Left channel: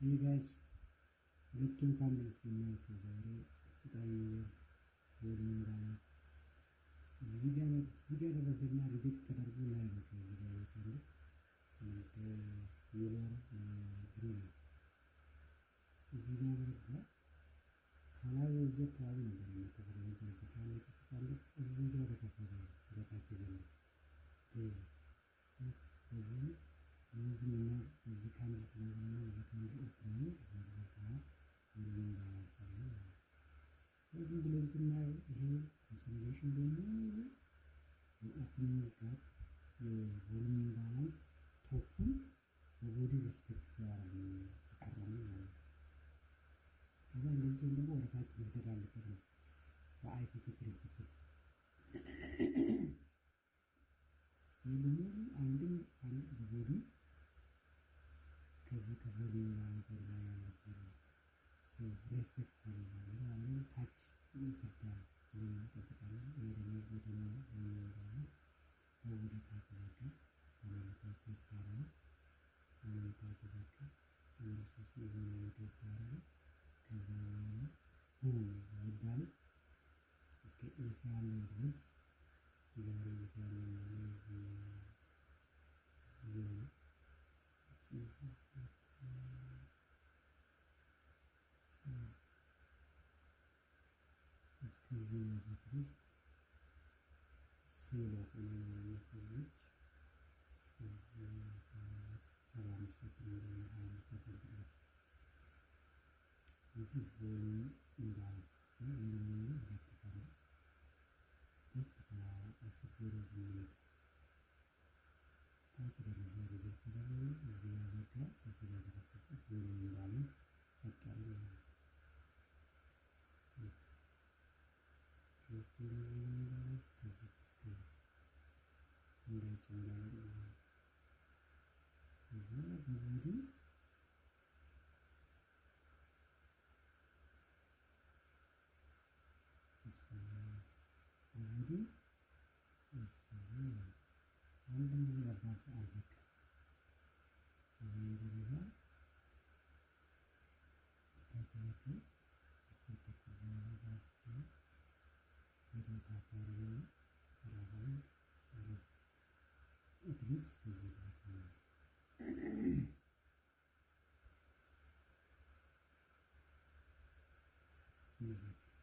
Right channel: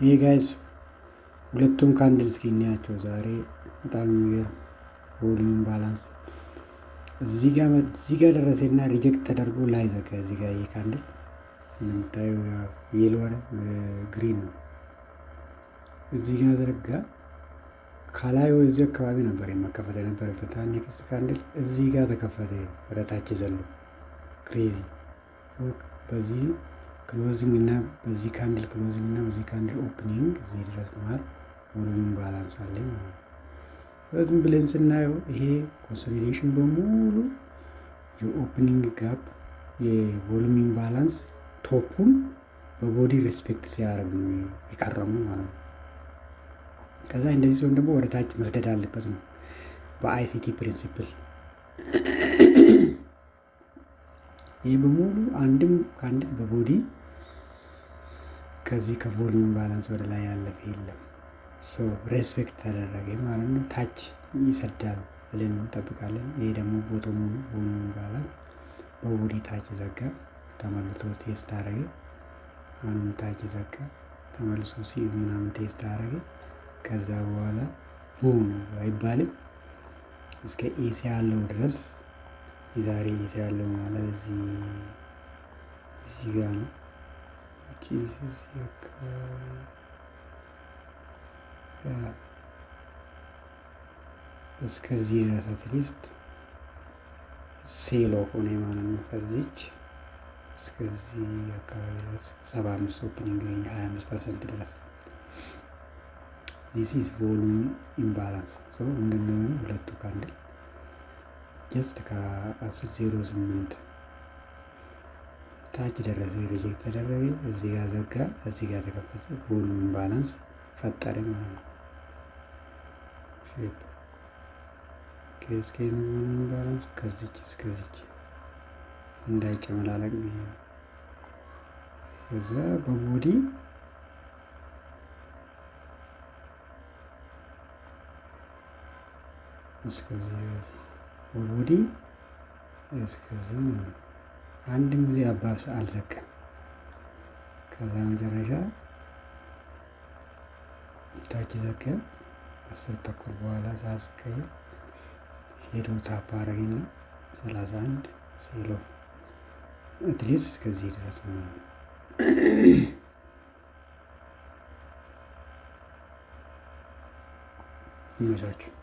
ይሄ ጋይስ ሁለቱም ካንድል እስኪ እናያቸው ዛሬ። በጣም የሚገርም ቮሊዩም ባላንስ እዚህ ጋር ደረሰና ሪጀክት ተደርጎ ላይ ዘጋ። እዚህ ጋር ይሄ ካንድል እንደምታየው የሎ ግሪን ነው። እዚህ ጋር ዘረጋ። ከላይ ወደዚህ አካባቢ ነበር የመከፈት የነበረበት። ኔክስት ካንድል እዚህ ጋር ተከፈተ ወደታች ዘሎ ክሬዚ። በዚህ ክሎዚንግ እና በዚህ ካንድል ክሎዚንግ እና በዚህ ካንድል ኦፕኒንግ እዚህ ድረስ መሀል ቮሊዩም ባላንስ አለ ማለት ነው። ዝም ብለን ስናየው ይሄ ኮንሶሊዴሽን በሙሉ የኦፕኒንግ ጋፕ የቮሊዩም ባላንስ ቶፑን በቦዲ ሪስፔክት ሲያደርግ ነው የቀረሙ ማለት ነው። ከዛ እንደዚህ ሲሆን ደግሞ ወደ ታች መስደድ አለበት ነው በአይሲቲ ፕሪንሲፕል። ይህ በሙሉ አንድም ካንድል በቦዲ ከዚህ ከቮሊዩም ባላንስ ወደ ላይ ያለፈ የለም። ሬስፔክት ተደረገ ማለት ነው። ታች ይሰዳል ብለን እንጠብቃለን። ይሄ ደግሞ ቦቶሙ ቮሊዩም ባላንስ በቦዲ ታች ዘጋ፣ ተመልሶ ቴስት አደረገ። አሁንም ታች ዘጋ፣ ተመልሶ ምናምን ቴስት አደረገ። ከዛ በኋላ ቡም አይባልም እስከ ኤሲ ያለው ድረስ የዛሬ ኤሲ ያለው ማለት እዚህ ጋር ነው። እስከዚህ ድረስ አትሊስት ሴሎ ሆነ ማለት ነው። ከዚች እስከዚህ አካባቢ ድረስ 75 ኦፕኒንግ 25% ድረስ ዚስ ኢዝ ቮሊዩም ኢምባላንስ። ምንድነው ሁለቱ ካንድል ጀስት ከ10.08 ታች ደረሰ፣ ሪጀክት ተደረገ፣ እዚህ ጋር ዘጋ፣ እዚህ ጋር ተከፈተ፣ ቮሊዩም ባላንስ ፈጠረ ማለት ነው። ሼፕ ከዚህ ቮሊዩም ባላንስ ከዚች እስከዚች እንዳይጨመላለቅ ነው። ከዛ በቦዲ እስከዚህ በቦዲ እስከዚህ አንድም ጊዜ አባስ አልዘጋም። ከዛ መጨረሻ ታች ዘጋ። 10 ተኩል በኋላ ሳስቀይር ሄዶ ታፕ አረግና 31 ሴሎ አትሊስት እስከዚህ ድረስ ነው ይመቻችሁ።